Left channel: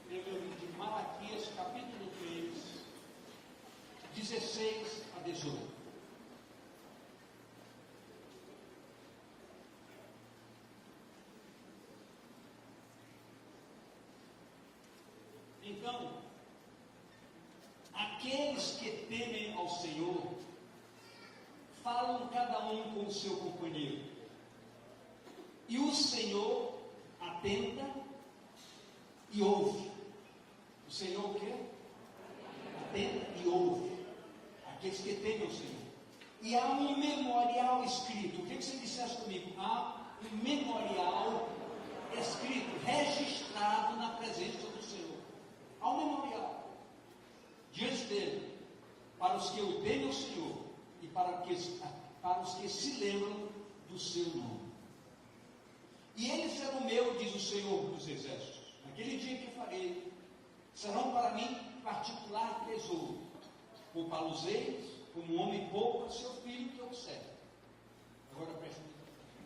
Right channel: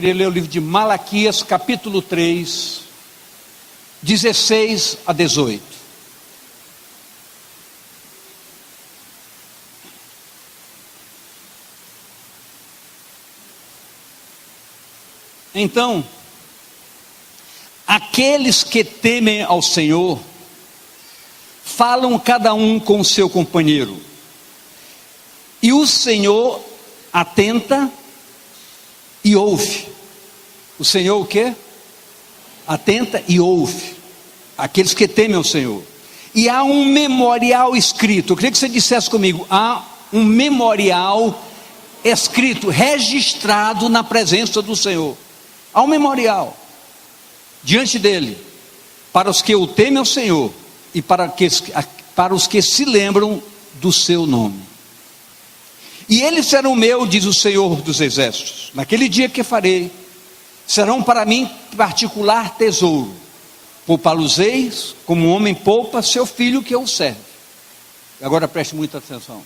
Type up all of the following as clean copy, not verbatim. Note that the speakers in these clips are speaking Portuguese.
queria ler o livro de Malaquias, capítulo 3, 16 a 18. Então, aqueles que temem ao Senhor, falam cada um com o seu companheiro, e o Senhor atenta e ouve. O Senhor o quê? Atenta e ouve aqueles que temem ao Senhor. E há um memorial escrito. Eu queria que você dissesse comigo: há um memorial escrito, registrado na presença do Senhor. Há um memorial diante dele, para os que o temem ao Senhor e para os que se lembram do seu nome. E eles serão meu, diz o Senhor dos Exércitos, naquele dia que farei, serão para mim particular tesouro. Poupá-los-eis como um homem poupa seu filho que o serve. Agora preste muita atenção.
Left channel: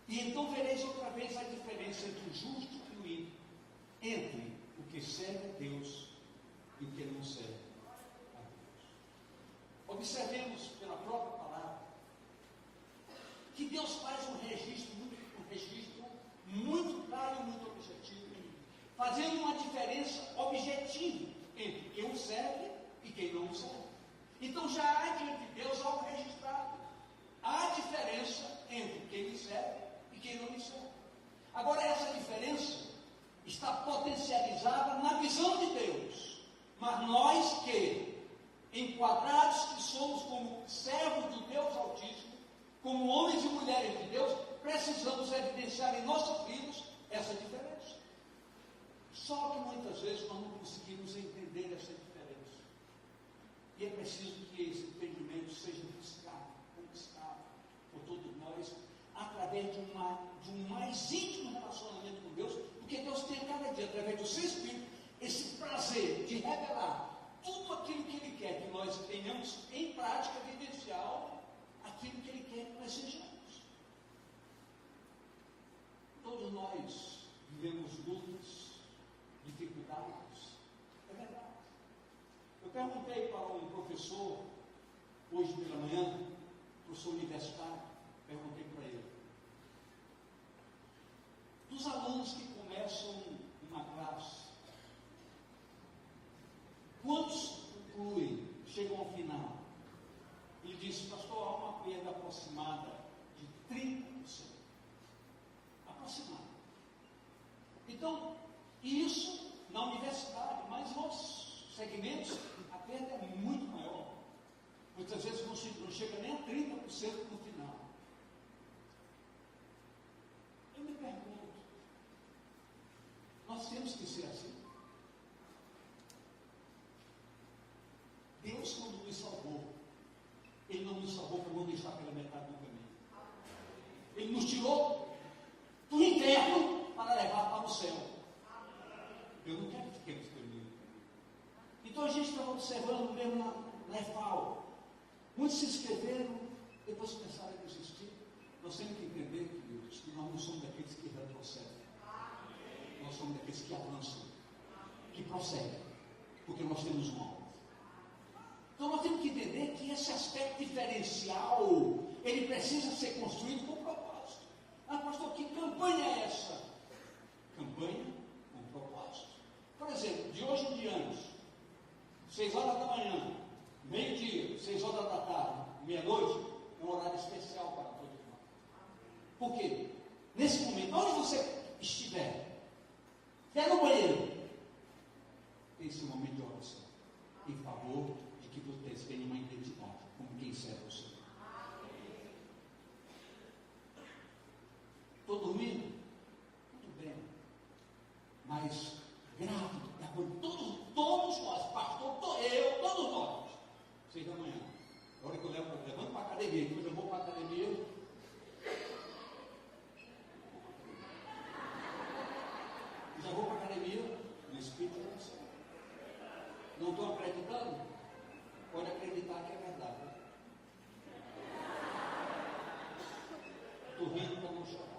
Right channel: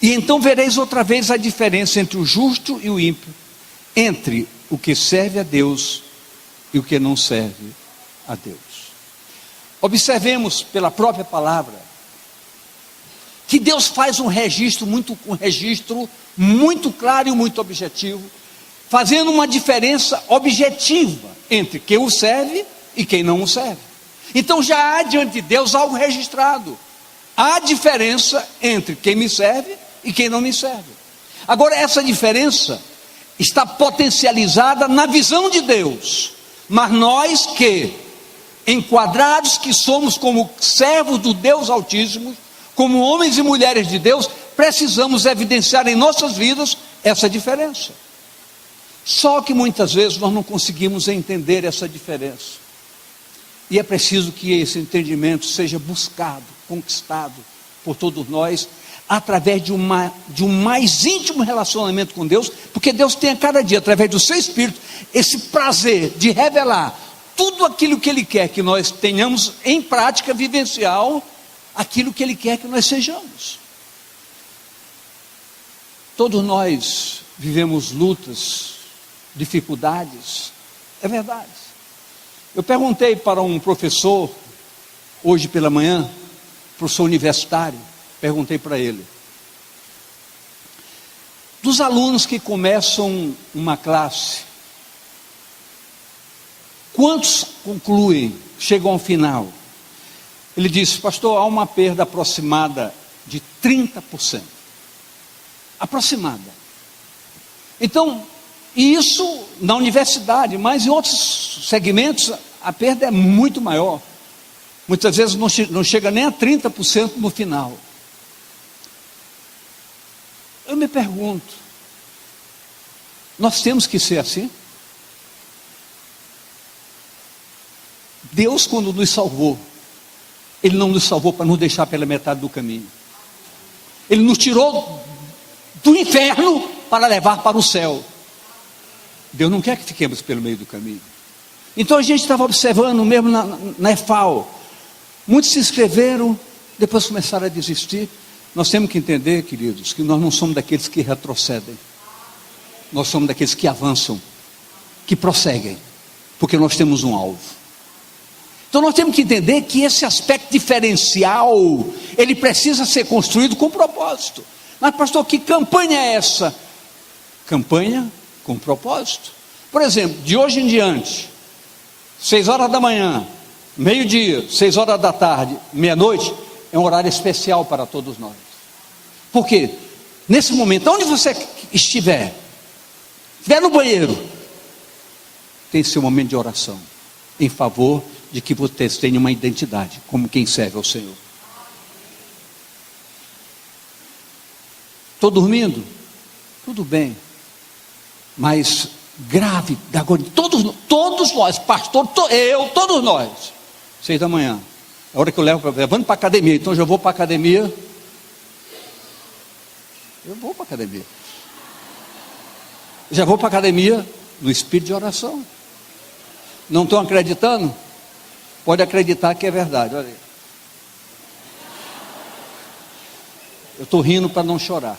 E então vereis outra vez a diferença entre o justo e o ímpio, entre o que serve a Deus e o que não serve a Deus. Observemos pela própria palavra que Deus faz um registro muito claro e muito objetivo, fazendo uma diferença objetiva entre quem o serve e quem não o serve. Então já há diante de Deus algo registrado. Há diferença entre quem me serve e quem não me serve. Agora, essa diferença está potencializada na visão de Deus, mas nós que, enquadrados que somos como servos do Deus Altíssimo, como homens e mulheres de Deus, precisamos evidenciar em nossas vidas essa diferença. Só que muitas vezes nós não conseguimos entender essa diferença, e é preciso que esse entendimento seja buscado, conquistado por todos nós, através de um mais íntimo relacionamento com Deus, porque Deus tem a cada dia, através do seu Espírito, esse prazer de revelar tudo aquilo que Ele quer que nós tenhamos em prática vivencial, aquilo que Ele quer que nós sejamos. Todos nós vivemos lutas, dificuldades, é verdade. Eu perguntei para um professor, hoje pela manhã, professor universitário, perguntei para ele: dos alunos que começam uma classe, quantos concluem, chegam ao final? Ele disse: pastor, há uma perda aproximada de 30%. Aproximada. Então, isso na universidade, mas em outros segmentos a perda é muito maior. Muitas vezes não chega nem a 30% no final. Eu me pergunto, nós temos que ser assim? Deus, quando nos salvou, Ele não nos salvou para nos deixar pela metade do caminho. Ele nos tirou do inferno para levar para o céu. Deus não quer que fiquemos pelo meio do caminho. Então a gente estava observando mesmo na EFAO, muitos se inscreveram, depois começaram a desistir. Nós temos que entender, queridos, que nós não somos daqueles que retrocedem, nós somos daqueles que avançam, que prosseguem, porque nós temos um alvo. Então nós temos que entender que esse aspecto diferencial, ele precisa ser construído com propósito. Mas pastor, que campanha é essa? Campanha com propósito. Por exemplo, de hoje em diante, 6 horas da manhã, meio-dia, 6 horas da tarde, meia-noite, é um horário especial para todos nós. Por quê? Nesse momento, onde você estiver no banheiro, tem seu momento de oração, em favor de que você tenha uma identidade, como quem serve ao Senhor. Estou dormindo? Tudo bem. Mas grave, todos nós, pastor, todos nós, 6 da manhã, a hora que eu levando para a academia, então eu já vou para a academia, já vou para a academia no espírito de oração. Não estão acreditando? Pode acreditar que é verdade, olha aí. Eu estou rindo para não chorar.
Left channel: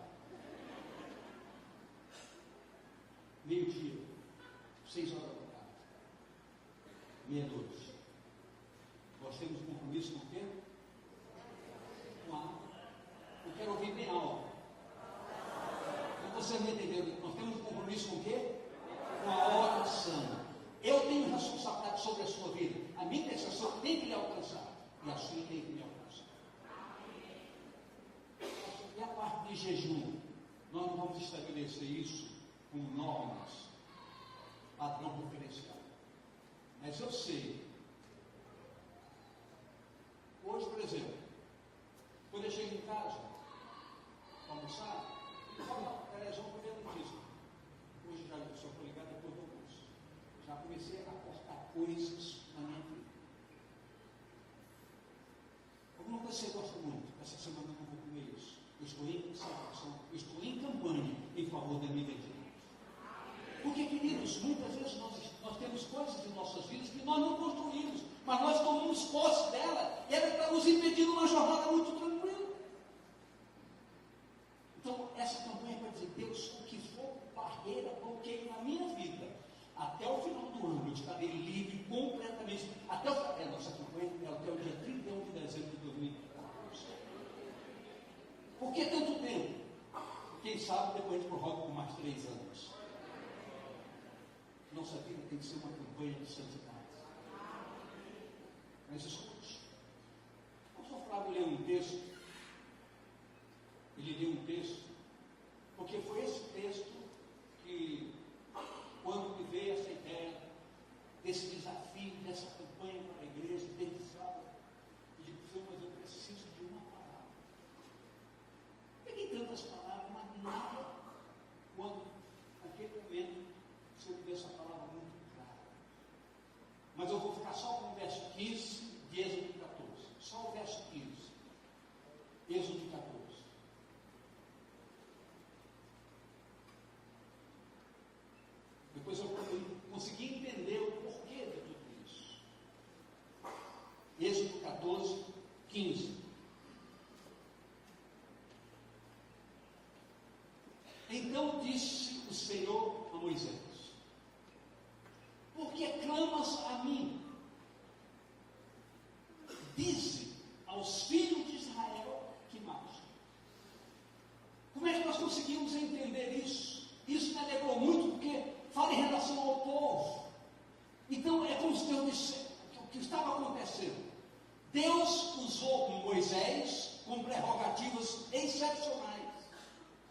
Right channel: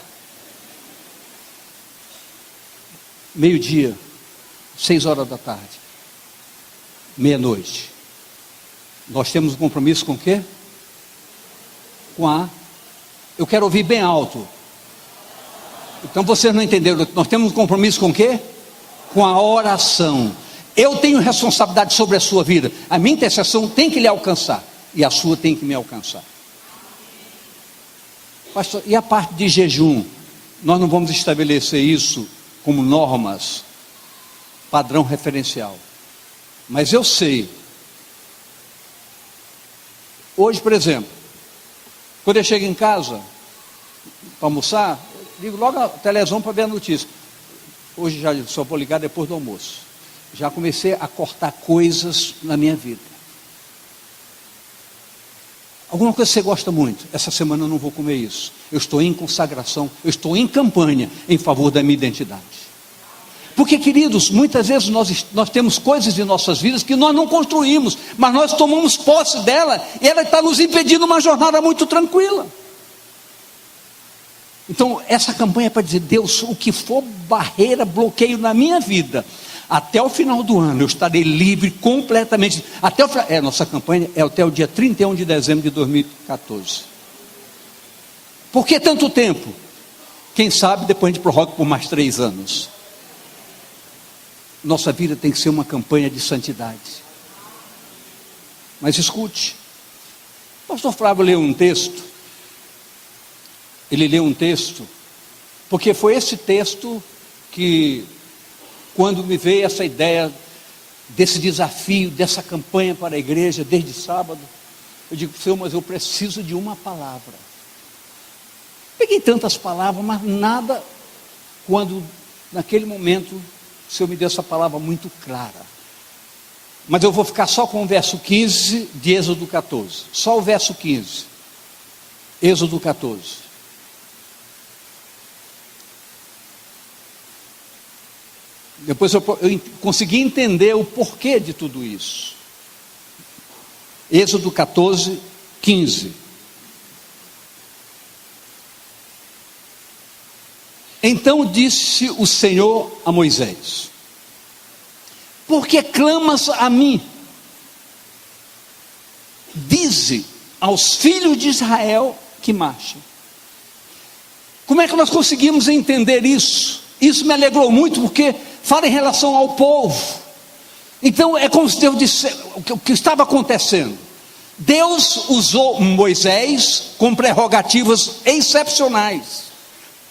Meio-dia, 6 horas da tarde, meia-noite. Nós temos um compromisso com o quê? Eu quero ouvir bem alto. Então vocês não entenderam. Nós temos um compromisso com o quê? Com a oração. Eu tenho responsabilidade sobre a sua vida. A minha intercessão tem que lhe alcançar, e a sua tem que me alcançar. Pastor, e a parte de jejum? Nós não vamos estabelecer isso como normas, padrão referencial. Mas eu sei. Hoje, por exemplo, quando eu chego em casa para almoçar, ligo logo a televisão para ver a notícia. Hoje já só vou ligar depois do almoço. Já comecei a cortar coisas na minha vida. Alguma coisa que você gosta muito. Essa semana eu não vou comer isso. Eu estou em consagração, eu estou em campanha em favor da minha identidade. Porque, queridos, muitas vezes nós temos coisas em nossas vidas que nós não construímos, mas nós tomamos posse dela, e ela está nos impedindo uma jornada muito tranquila. Então, essa campanha é para dizer: Deus, o que for barreira, bloqueio na minha vida, até o final do ano eu estarei livre completamente. Nossa campanha é até o dia 31 de dezembro de 2014. Por que tanto tempo? Quem sabe depois a gente prorroga por mais 3 anos. Nossa vida tem que ser uma campanha de santidade. Mas escute, o pastor Flávio leu um texto. Ele leu um texto, porque foi esse texto que, quando me veio essa ideia desse desafio, dessa campanha para a igreja, desde sábado, eu digo: Senhor, mas eu preciso de uma palavra. Peguei tantas palavras, mas nada, quando naquele momento o Senhor me deu essa palavra muito clara. Mas eu vou ficar só com o verso 15 de Êxodo 14, só o verso 15, Êxodo 14. Depois eu consegui entender o porquê de tudo isso. Êxodo 14, 15. Então disse o Senhor a Moisés: por que clamas a mim? Dize aos filhos de Israel que marchem. Como é que nós conseguimos entender isso? Isso me alegrou muito, porque fala em relação ao povo. Então é como se Deus disse o que estava acontecendo. Deus usou Moisés com prerrogativas excepcionais.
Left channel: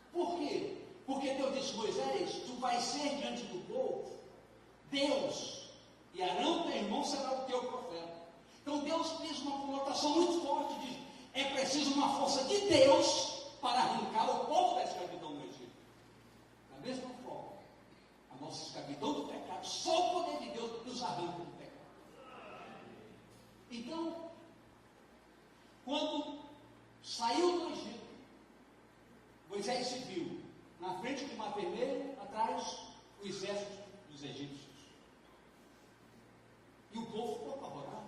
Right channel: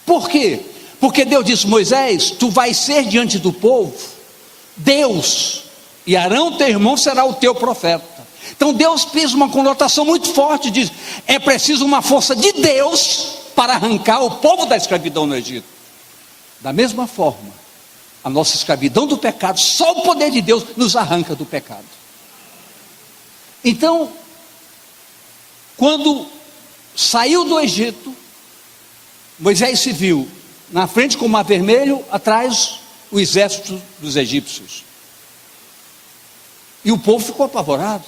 Por quê? Porque Deus disse: Moisés, tu vais ser diante do povo Deus, e Arão teu irmão será o teu profeta. Então Deus fez uma conotação muito forte, diz: é preciso uma força de Deus para arrancar o povo da escravidão no Egito. Da mesma forma, a nossa escravidão do pecado, só o poder de Deus nos arranca do pecado. Então, quando saiu do Egito, Moisés se viu na frente com o mar vermelho, atrás o exército dos egípcios, e o povo ficou apavorado.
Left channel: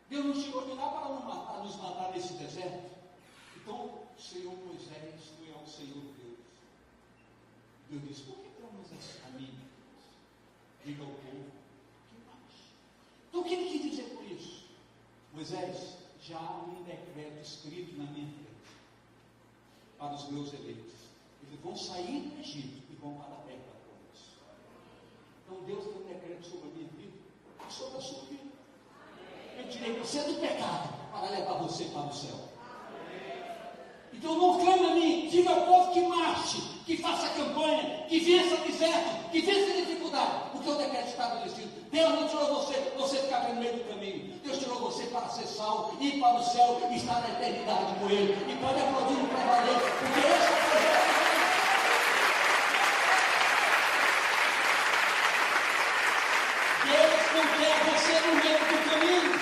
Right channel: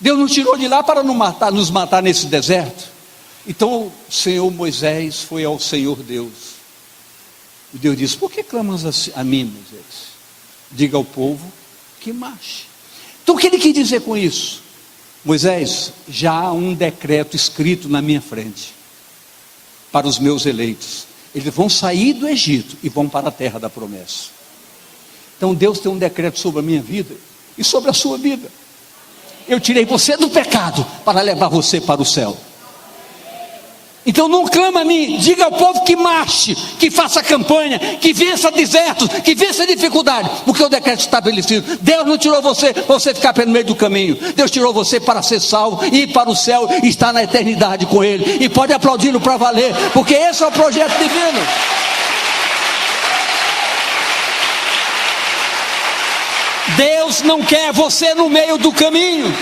Deus nos tirou de lá para nos matar nesse deserto. Então o Senhor Moisés foi ao Senhor Deus, e Deus disse: por que clamas a mim, Moisés? Diga ao povo que marche. Então o que ele quis dizer com isso? Moisés, já há um decreto escrito na minha frente para os meus eleitos. Eles vão sair do Egito e vão para a terra da promessa. Então Deus tem um decreto sobre a minha vida e sobre a sua vida. Eu tirei você do pecado para levar você para o céu. Então não clama a mim, diga ao povo que marche, que faça campanha, que vença desertos, que vença dificuldade, porque o decreto está estabelecido. Deus não tirou você para você ficar pelo meio do caminho. Deus tirou você para ser salvo, ir para o céu e estar na eternidade com Ele. E pode aplaudi-lo para valer, porque esse é o projeto divino. Deus não quer você no meio do caminho.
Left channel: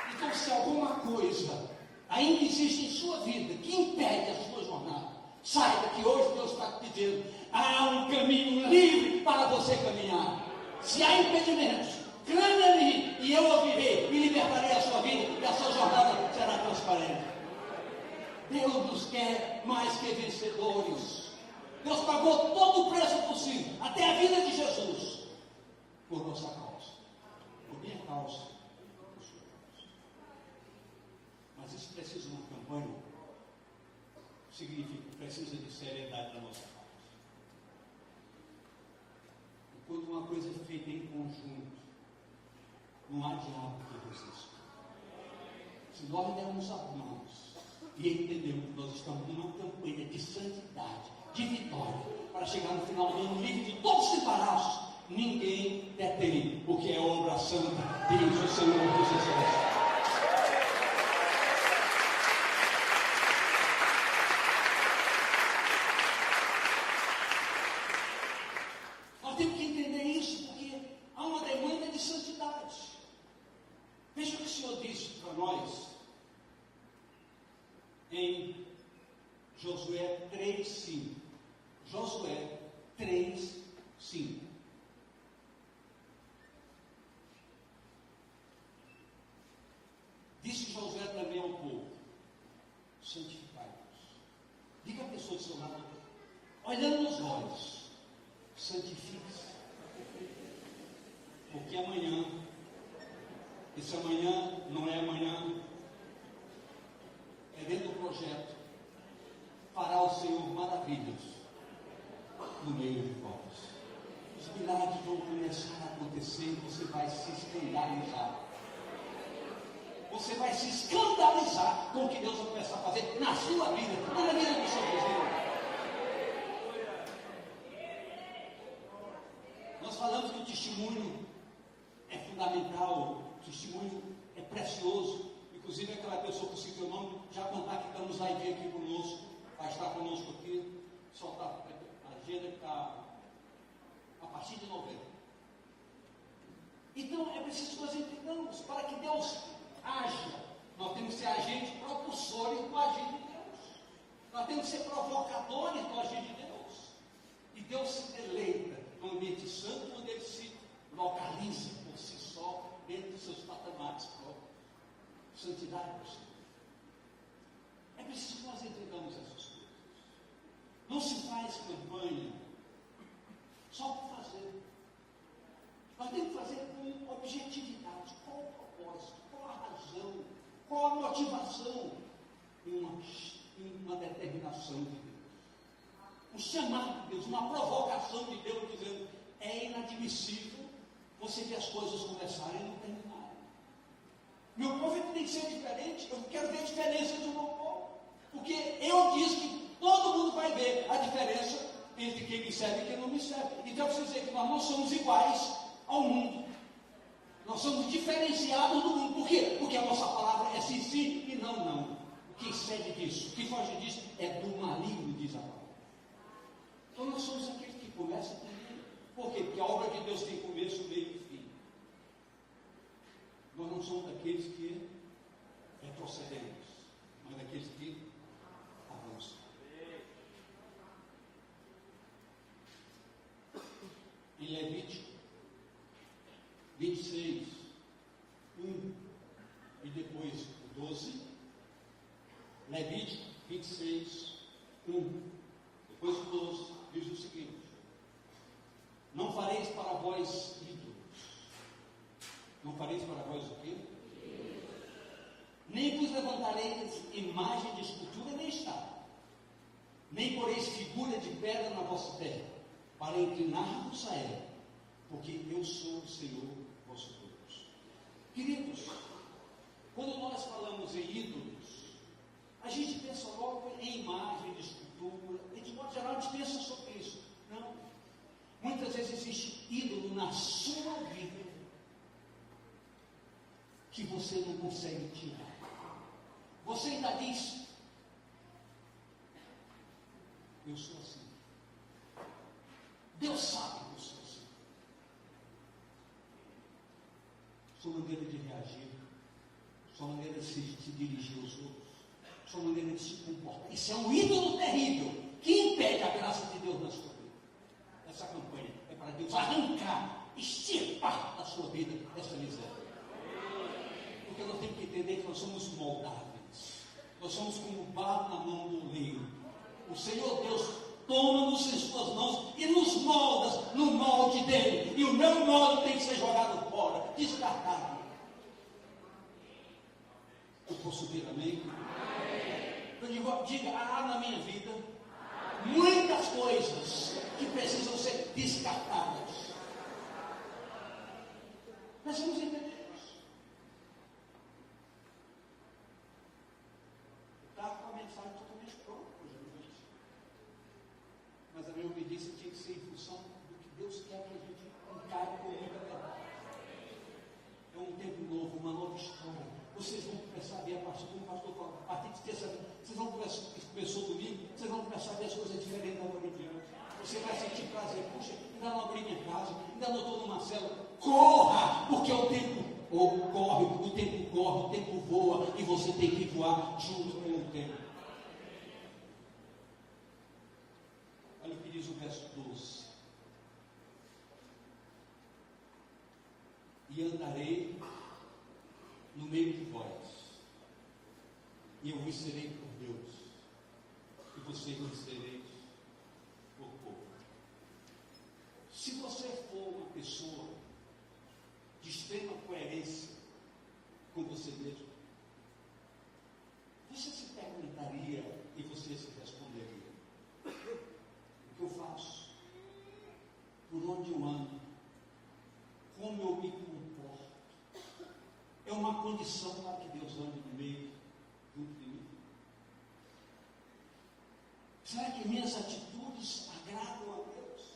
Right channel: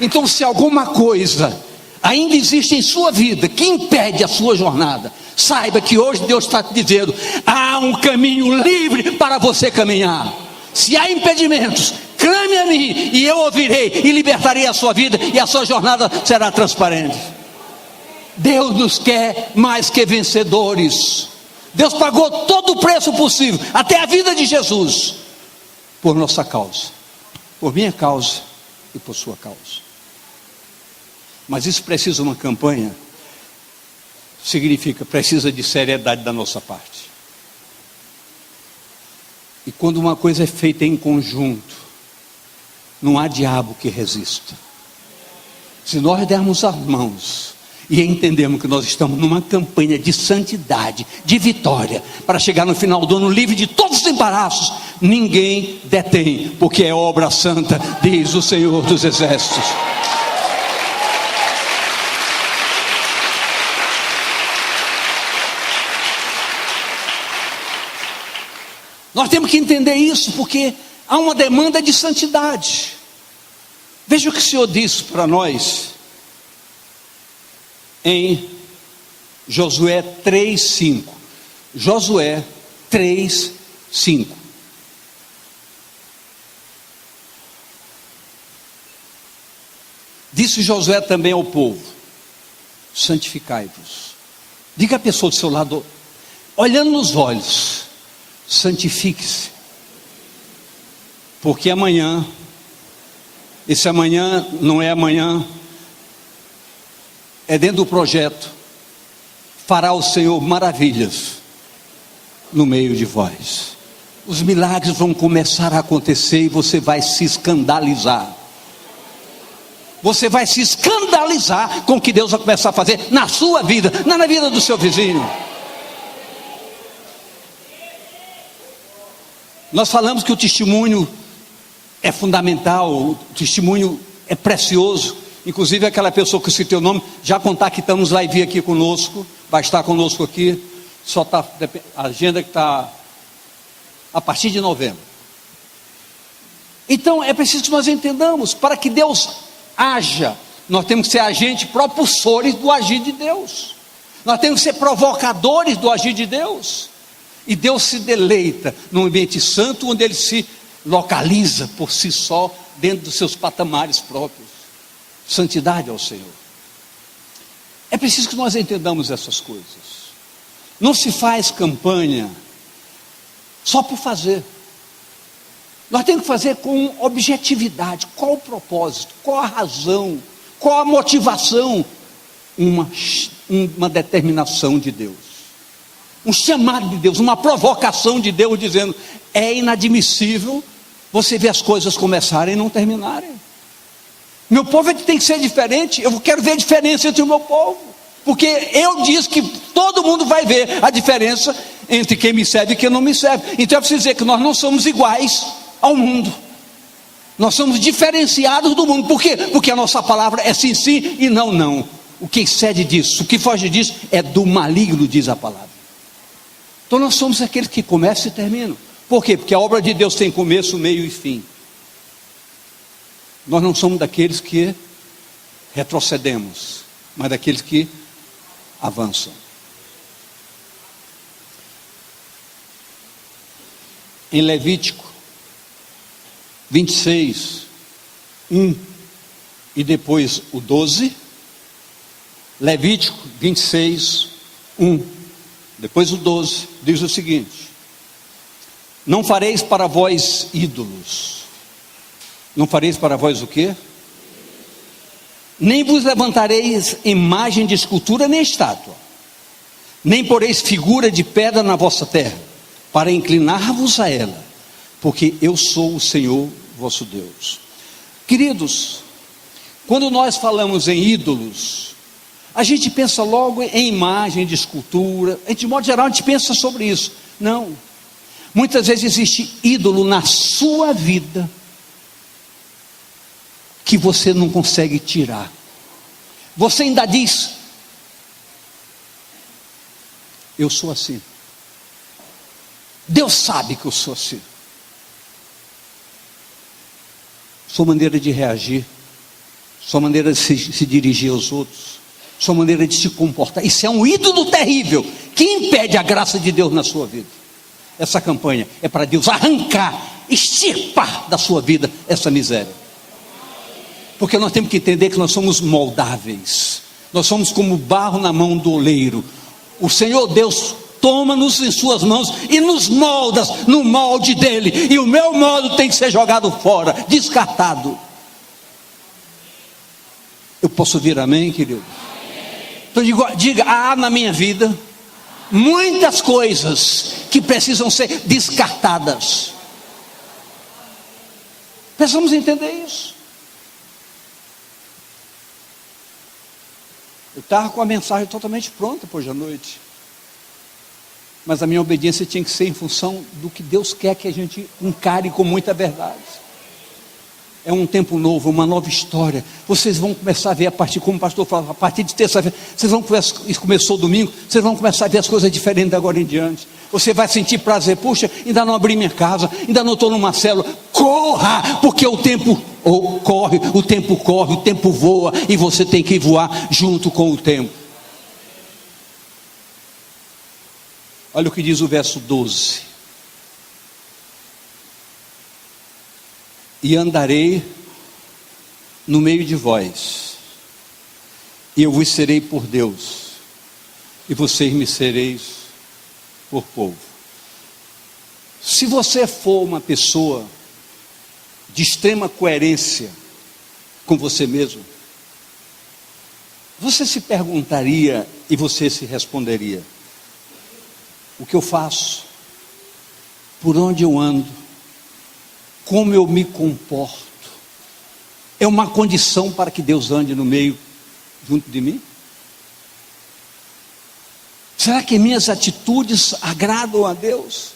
Então, se alguma coisa ainda existe em sua vida que impede a sua jornada, saiba que hoje Deus está te dizendo: há um caminho livre para você caminhar. Se há impedimentos, clame a mim e eu ouvirei e libertarei a sua vida, e a sua jornada será transparente. Deus nos quer mais que vencedores. Deus pagou todo o preço possível, até a vida de Jesus, por nossa causa, por minha causa e por sua causa. Mas isso precisa de uma campanha, significa, precisa de seriedade da nossa parte. E quando uma coisa é feita em conjunto, não há diabo que resista. Se nós dermos as mãos e entendemos que nós estamos numa campanha de santidade, de vitória, para chegar no final do ano livre de todos os embaraços, ninguém detém, porque é obra santa, diz o Senhor dos Exércitos. Nós temos que entender isso, porque há uma demanda de santidade. Veja o que o Senhor disse para nós em Josué 3:5. Josué 3:5. Disse Josué também ao povo: santificai-vos. Diga à pessoa do seu lado, olhando nos olhos: santifique-se, porque amanhã, esse amanhã não é amanhã, é dentro do projeto, fará o Senhor maravilhas no meio de vós. Os milagres vão começar a acontecer e você vai se escandalizar. Você vai se escandalizar com o que Deus vai começar a fazer na sua vida, não na vida do seu vizinho. Nós falamos que o testemunho é fundamental, o testemunho é precioso. Inclusive aquela pessoa que eu citei o nome, já contactamos, vai vir aqui conosco, vai estar conosco aqui. Só está a agenda que está a partir de novembro. Então é preciso que nós entendamos, para que Deus haja, nós temos que ser agentes propulsores do agir de Deus. Nós temos que ser provocadores do agir de Deus. E Deus se deleita num ambiente santo, onde Ele se localiza por si só, dentro dos seus patamares próprios. Santidade ao Senhor. É preciso que nós entendamos essas coisas. Não se faz campanha só por fazer. Nós temos que fazer com objetividade. Qual o propósito? Qual a razão? Qual a motivação? Uma determinação de Deus. Um chamado de Deus, uma provocação de Deus, dizendo: é inadmissível você ver as coisas começarem e não terminarem. Meu povo tem que ser diferente. Eu quero ver a diferença entre o meu povo, porque eu disse que todo mundo vai ver a diferença entre quem me serve e quem não me serve. Então eu preciso dizer que nós não somos iguais ao mundo. Nós somos diferenciados do mundo. Por quê? Porque a nossa palavra é sim, sim e não, não. O que excede disso, o que foge disso, é do maligno, diz a palavra. Então nós somos aqueles que começam e terminam. Por quê? Porque a obra de Deus tem começo, meio e fim. Nós não somos daqueles que retrocedemos, mas daqueles que avançam. Em Levítico 26, 1 e depois o 12. Levítico 26, 1. Depois o 12, diz o seguinte: não fareis para vós ídolos. Não fareis para vós o quê? Nem vos levantareis imagem de escultura nem estátua, nem poreis figura de pedra na vossa terra, para inclinar-vos a ela, porque eu sou o Senhor vosso Deus. Queridos, quando nós falamos em ídolos, a gente pensa logo em imagem de escultura, de modo geral a gente pensa sobre isso. Não, muitas vezes existe ídolo na sua vida, que você não consegue tirar. Você ainda diz: eu sou assim. Deus sabe que eu sou assim. Sua maneira de reagir, sua maneira de se dirigir aos outros, sua maneira de se comportar, isso é um ídolo terrível, que impede a graça de Deus na sua vida. Essa campanha é para Deus arrancar, extirpar da sua vida essa miséria. Porque nós temos que entender que nós somos moldáveis. Nós somos como barro na mão do oleiro. O Senhor Deus toma-nos em suas mãos e nos moldas no molde dele, e o meu molde tem que ser jogado fora, descartado. Eu posso ouvir amém, querido? Então diga, há na minha vida muitas coisas que precisam ser descartadas. Precisamos entender isso. Eu estava com a mensagem totalmente pronta hoje à noite, mas a minha obediência tinha que ser em função do que Deus quer que a gente encare com muita verdade. É um tempo novo, uma nova história. Vocês vão começar a ver, como o pastor falava, a partir de terça-feira, vocês vão começar, isso começou domingo, vocês vão começar a ver as coisas diferentes de agora em diante. Você vai sentir prazer, puxa, ainda não abri minha casa, ainda não estou numa célula. Corra, porque o tempo corre, o tempo voa, e você tem que voar junto com o tempo. Olha o que diz o verso 12. E andarei no meio de vós, e eu vos serei por Deus, e vocês me sereis por povo. Se você for uma pessoa de extrema coerência com você mesmo, você se perguntaria e você se responderia: o que eu faço? Por onde eu ando? Como eu me comporto? É uma condição para que Deus ande no meio, junto de mim? Será que minhas atitudes agradam a Deus?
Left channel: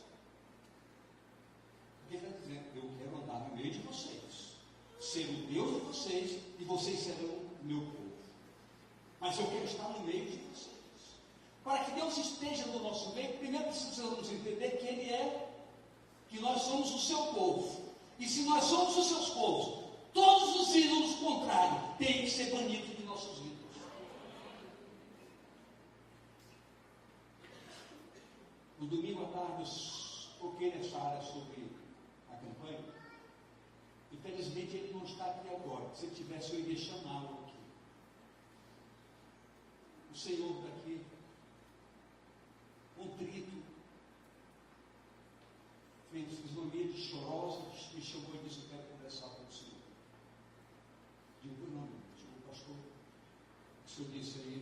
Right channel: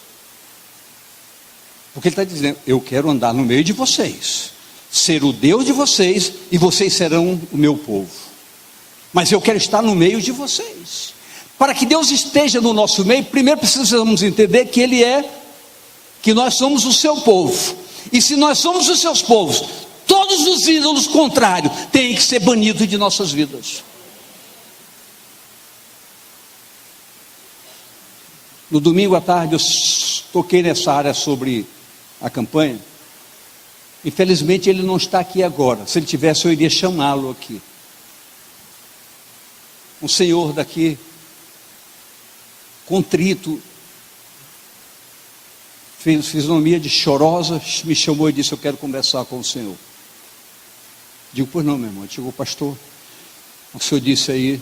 Porque Ele está dizendo: eu quero andar no meio de vocês, ser o Deus de vocês, e vocês serão o meu povo. Mas eu quero estar no meio de vocês. Para que Deus esteja no nosso meio, primeiro precisamos entender que nós somos o seu povo. E se nós somos os seus povos, todos os ídolos contrários têm que ser banidos de nossas vidas. No domingo à tarde eu toquei nessa área sobre a campanha. Infelizmente ele não está aqui agora. Se ele tivesse, eu iria chamá-lo aqui. Um senhor daqui, contrito, fez fisionomia de chorosa, me chamou e disse: eu quero conversar com o senhor. Digo: pois não, meu irmão. Chegou: pastor, o senhor disse aí,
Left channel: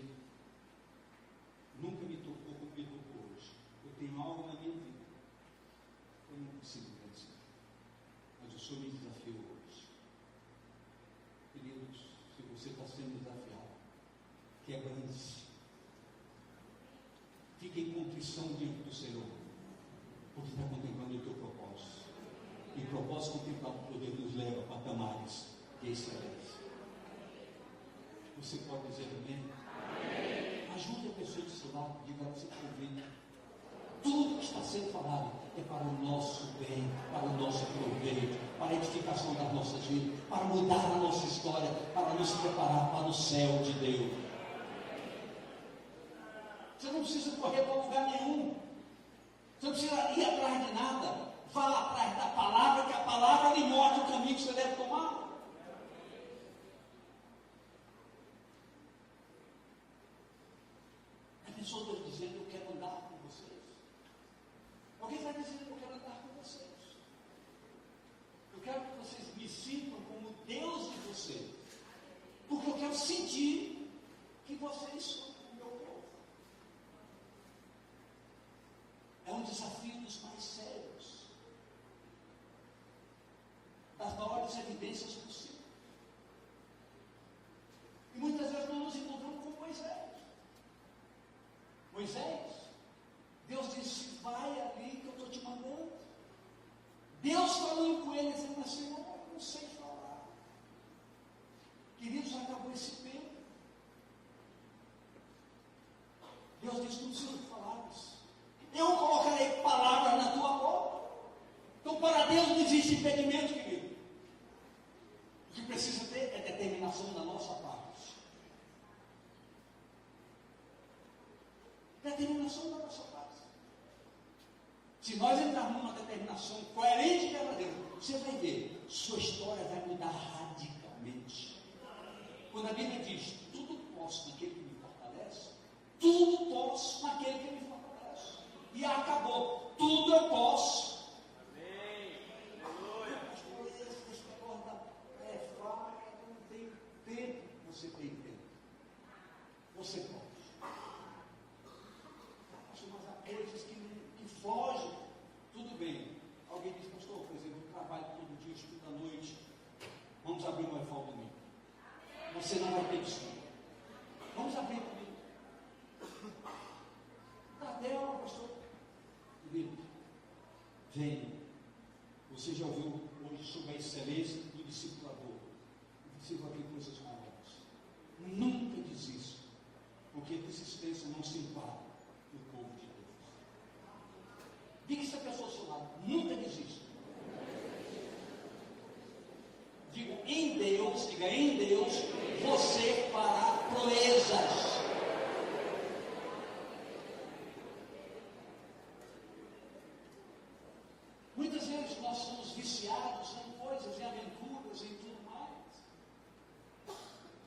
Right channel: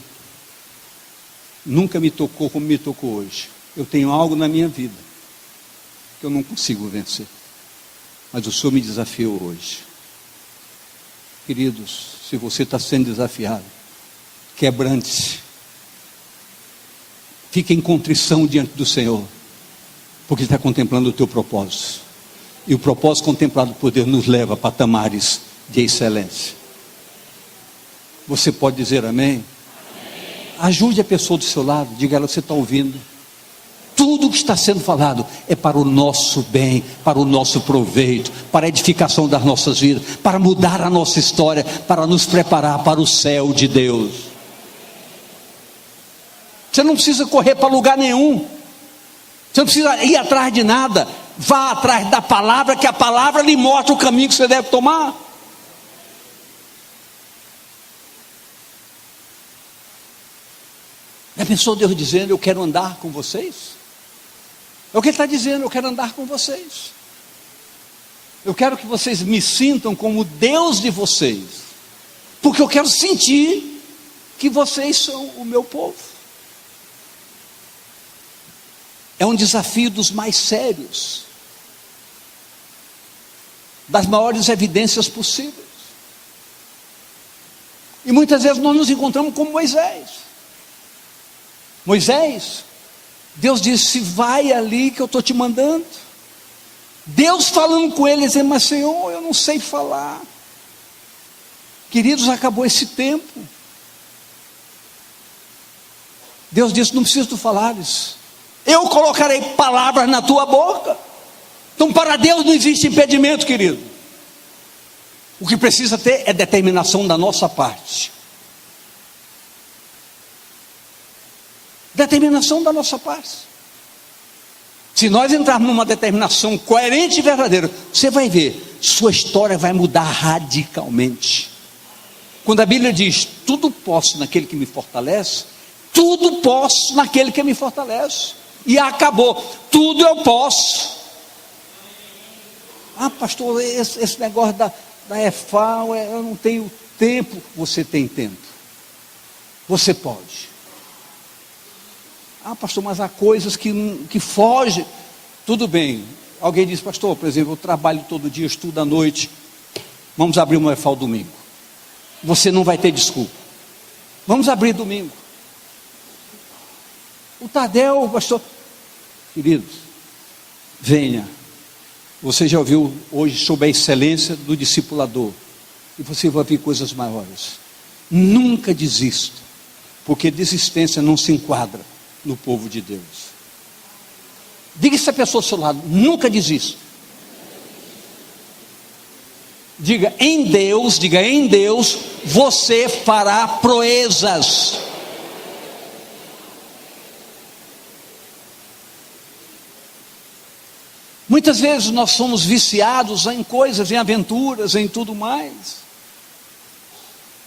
nunca me tocou como me tocou hoje. Eu tenho algo na minha vida que eu não consigo vencer, mas o senhor me desafiou hoje. Queridos, se você está sendo desafiado, quebrante-se, fique em contrição diante do Senhor, porque Ele está contemplando o teu propósito, e o propósito contemplado por Deus nos leva a patamares de excelência. Você pode dizer amém? Ajude a pessoa do seu lado, diga a ela: você está ouvindo? Tudo que está sendo falado é para o nosso bem, para o nosso proveito, para a edificação das nossas vidas, para mudar a nossa história, para nos preparar para o céu de Deus. Você não precisa correr para lugar nenhum, você não precisa ir atrás de nada. Vá atrás da palavra, que a palavra lhe mostra o caminho que você deve tomar. Já pensou Deus dizendo: eu quero andar com vocês? É o que Ele está dizendo: eu quero andar com vocês. Eu quero que vocês me sintam como Deus de vocês, porque eu quero sentir que vocês são o meu povo. É um desafio dos mais sérios, das maiores evidências possíveis. E muitas vezes nós nos encontramos como Moisés, Deus disse: vai ali que eu estou te mandando. Deus falando com ele, dizendo: mas Senhor, eu não sei falar. Queridos, acabou esse tempo. Deus disse: não preciso tu falares, eu colocarei palavras na tua boca. Então para Deus não existe impedimento, querido. O que precisa ter é determinação da nossa parte. Determinação da nossa parte. Se nós entrarmos numa determinação coerente e verdadeira, você vai ver, sua história vai mudar radicalmente. Quando a Bíblia diz: tudo posso naquele que me fortalece, tudo posso naquele que me fortalece. e acabou. Tudo eu posso. Ah, pastor, esse negócio da EFAO, eu não tenho tempo. Você tem tempo. Você pode. Ah, pastor, mas há coisas que fogem. Tudo bem. Alguém diz, pastor, por exemplo, eu trabalho todo dia, estudo à noite. Vamos abrir uma EFAO domingo. Você não vai ter desculpa. Vamos abrir domingo. O Tadeu, pastor, queridos, venha. Você já ouviu hoje sobre a excelência do discipulador. E você vai ver coisas maiores. Nunca desista, porque desistência não se enquadra no povo de Deus. Diga essa pessoa ao seu lado, nunca desista. Diga em Deus, você fará proezas. Muitas vezes nós somos viciados em coisas, em aventuras, em tudo mais.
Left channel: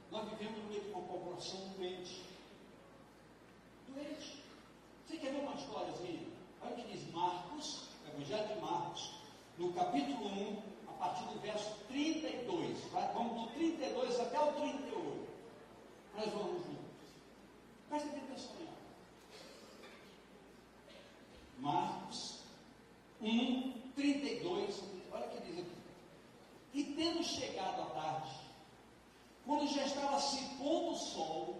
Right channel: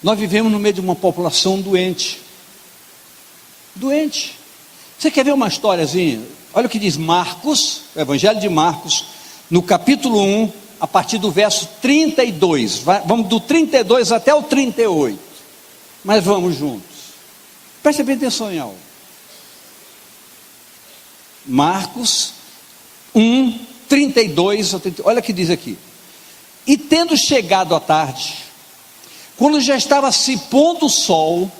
Nós vivemos no meio de uma população doente. Doente. Você quer ver uma historiazinha? Olha o que diz Marcos, o Evangelho de Marcos, no capítulo 1, a partir do verso 32. Vamos do 32 até o 38. Mas vamos juntos. Preste bem atenção em algo. Marcos 1, 32, olha o que diz aqui. E tendo chegado à tarde, quando já estava se pondo o sol,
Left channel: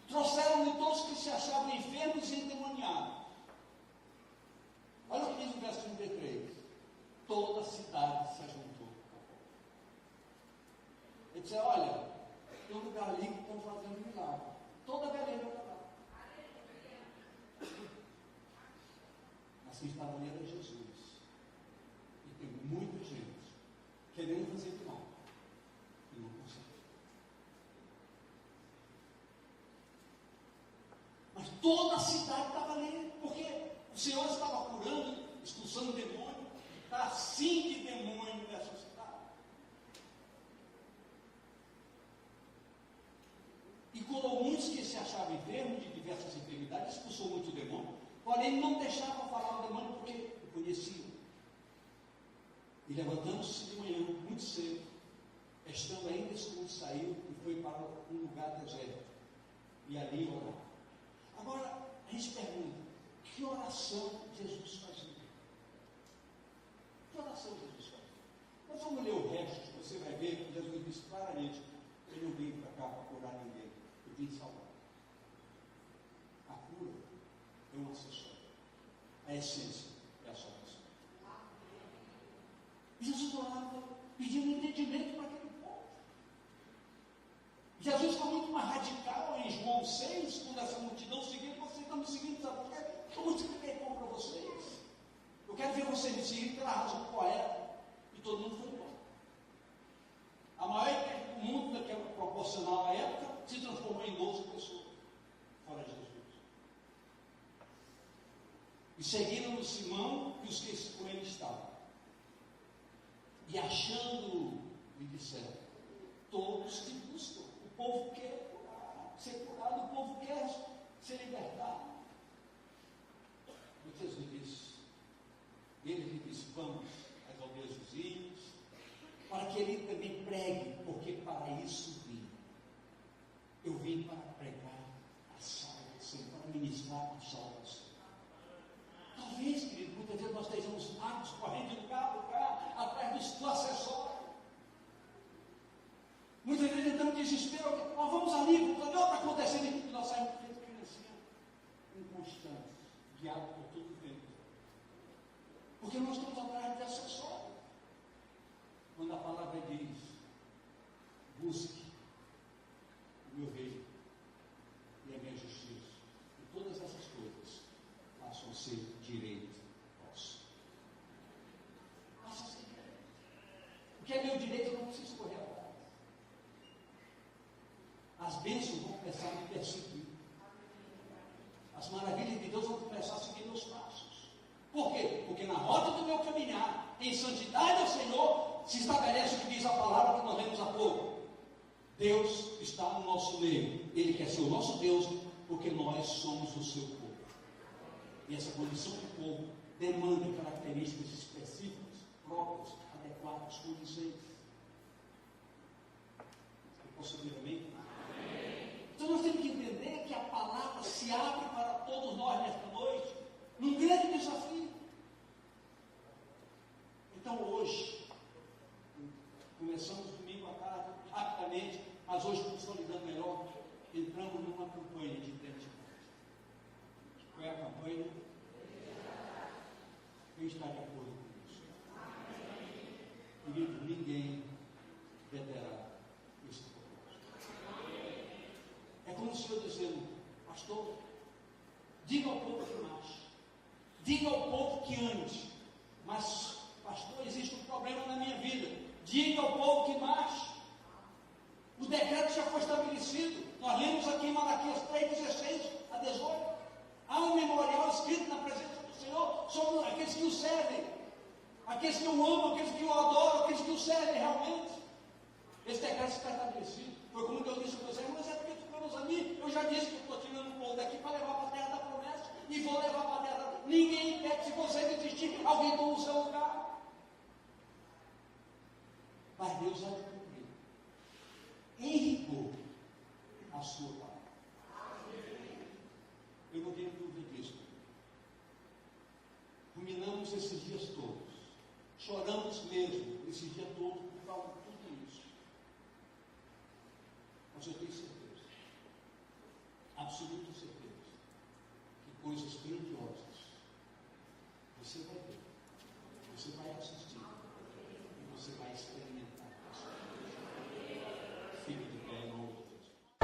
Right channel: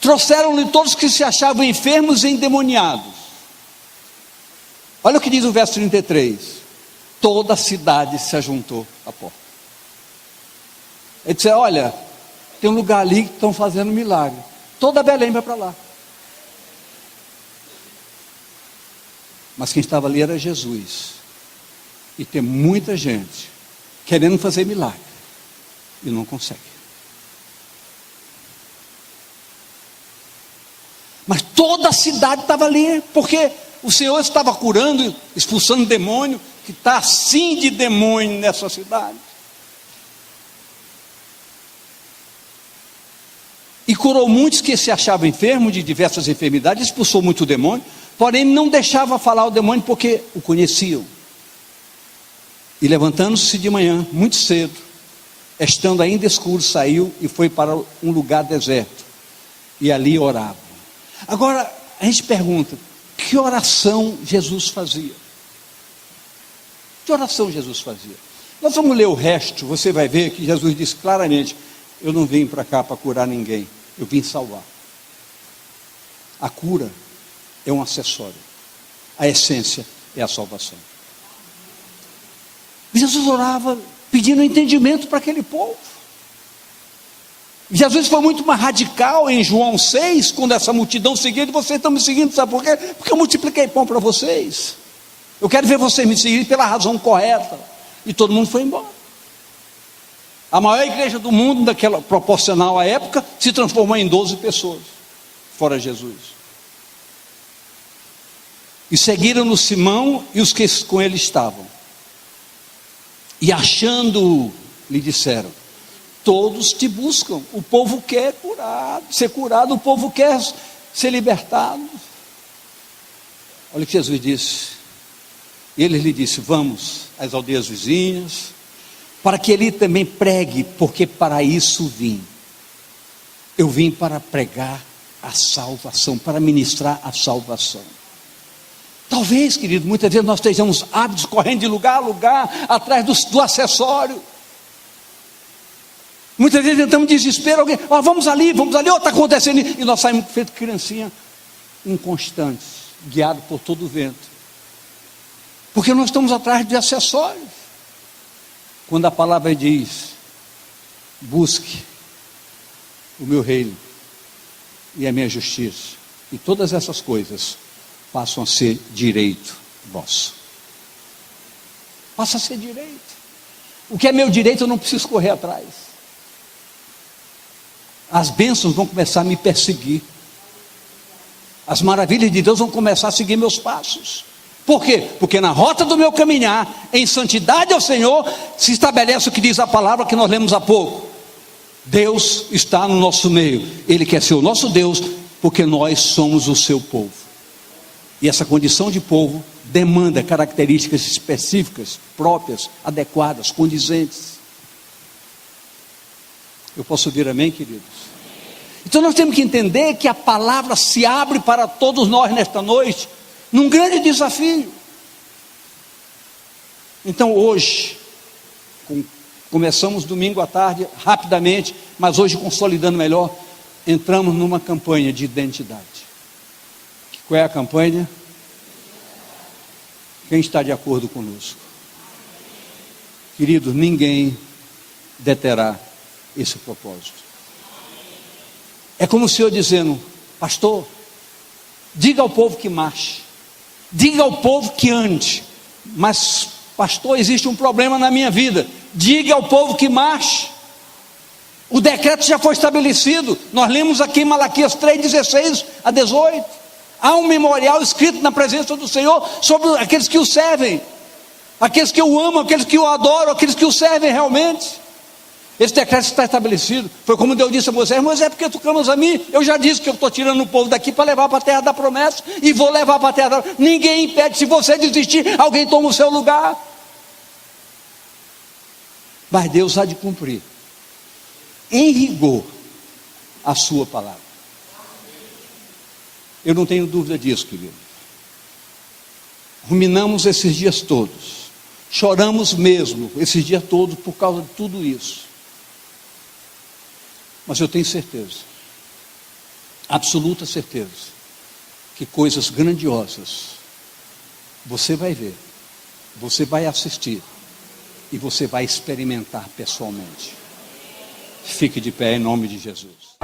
trouxeram-lhe todos que se achavam enfermos e endemoniados. Olha o que diz o verso 33. Toda a cidade se ajuntou à porta. Ele disse, olha, tem um lugar ali que estão fazendo milagre. Toda Belém vai para lá. Mas quem estava ali era Jesus. E tem muita gente querendo fazer milagre e não consegue. Mas toda a cidade estava ali, porque o Senhor estava curando, expulsando demônio, que está assim de demônio nessa cidade. E curou muitos que se achavam enfermos de diversas enfermidades, expulsou muito demônio, porém não deixava falar o demônio porque o conheciam. E levantando-se de manhã, muito cedo, estando ainda escuro, saiu e foi para um lugar deserto, e ali orava. Agora, a gente pergunta, que oração Jesus fazia? Que oração Jesus fazia? Nós vamos ler o resto, você vai ver que Jesus disse claramente, eu não vim para cá para curar ninguém, eu vim salvar. A cura é um acessório, a essência é a salvação. Jesus orava pedindo entendimento para aquele povo. Jesus foi muito mais radical em João 6, quando essa multidão seguia, e vocês estão me seguindo, sabe por quê? Porque eu multipliquei pão para vocês. Eu quero ver vocês me seguirem pela razão correta. E todo mundo foi embora. A maior igreja do mundo, daquela proporcional à época, se transformou em 12 pessoas, fora Jesus. E seguiram-no Simão e os que com ele estavam. E achando-o, lhe disseram, todos te buscam, o povo quer ser curado, o povo quer ser libertado. Olha o que Jesus disse. E ele lhe disse, vamos às aldeias vizinhas, para que ele também pregue, porque para isso vim. Eu vim para pregar a salvação, para ministrar a salvação. Talvez, querido, muitas vezes nós estejamos hábitos correndo de lugar a lugar, atrás do acessório. Muitas vezes entramos em desespero, alguém, vamos ali, está acontecendo, e nós saímos feito criancinha, inconstantes, guiados por todo o vento, porque nós estamos atrás de acessórios. Quando a palavra diz, busque o meu reino e a minha justiça, e todas essas coisas passam a ser direito vosso. Passa a ser direito. O que é meu direito eu não preciso correr atrás. As bênçãos vão começar a me perseguir. As maravilhas de Deus vão começar a seguir meus passos. Por quê? Porque na rota do meu caminhar, em santidade ao Senhor, se estabelece o que diz a palavra que nós lemos há pouco. Deus está no nosso meio. Ele quer ser o nosso Deus, porque nós somos o seu povo. E essa condição de povo demanda características específicas, próprias, adequadas, condizentes. Eu posso ouvir amém, queridos? Então nós temos que entender que a palavra se abre para todos nós nesta noite, num grande desafio. Então hoje, começamos domingo à tarde, rapidamente, mas hoje consolidando melhor, entramos numa campanha de identidade. Qual é a campanha? Quem está de acordo conosco? Queridos, ninguém deterá esse propósito. É como o Senhor dizendo: pastor, diga ao povo que marche, diga ao povo que ande, mas pastor, existe um problema na minha vida. Diga ao povo que marche. O decreto já foi estabelecido. Nós lemos aqui em Malaquias 3:16 a 18. Há um memorial escrito na presença do Senhor sobre aqueles que o servem, aqueles que o amam, aqueles que o adoram, aqueles que o servem realmente. Esse decreto está estabelecido. Foi como Deus disse a Moisés: Moisés, porque tu clamas a mim? Eu já disse que eu estou tirando o povo daqui para levar para a terra da promessa, e vou levar para a terra da promessa. Ninguém impede. Se você desistir, alguém toma o seu lugar. Mas Deus há de cumprir em rigor a sua palavra. Eu não tenho dúvida disso, querido. Ruminamos esses dias todos, choramos mesmo esses dias todos por causa de tudo isso. Mas eu tenho certeza, absoluta certeza, que coisas grandiosas você vai ver, você vai assistir e você vai experimentar pessoalmente. Fique de pé em nome de Jesus.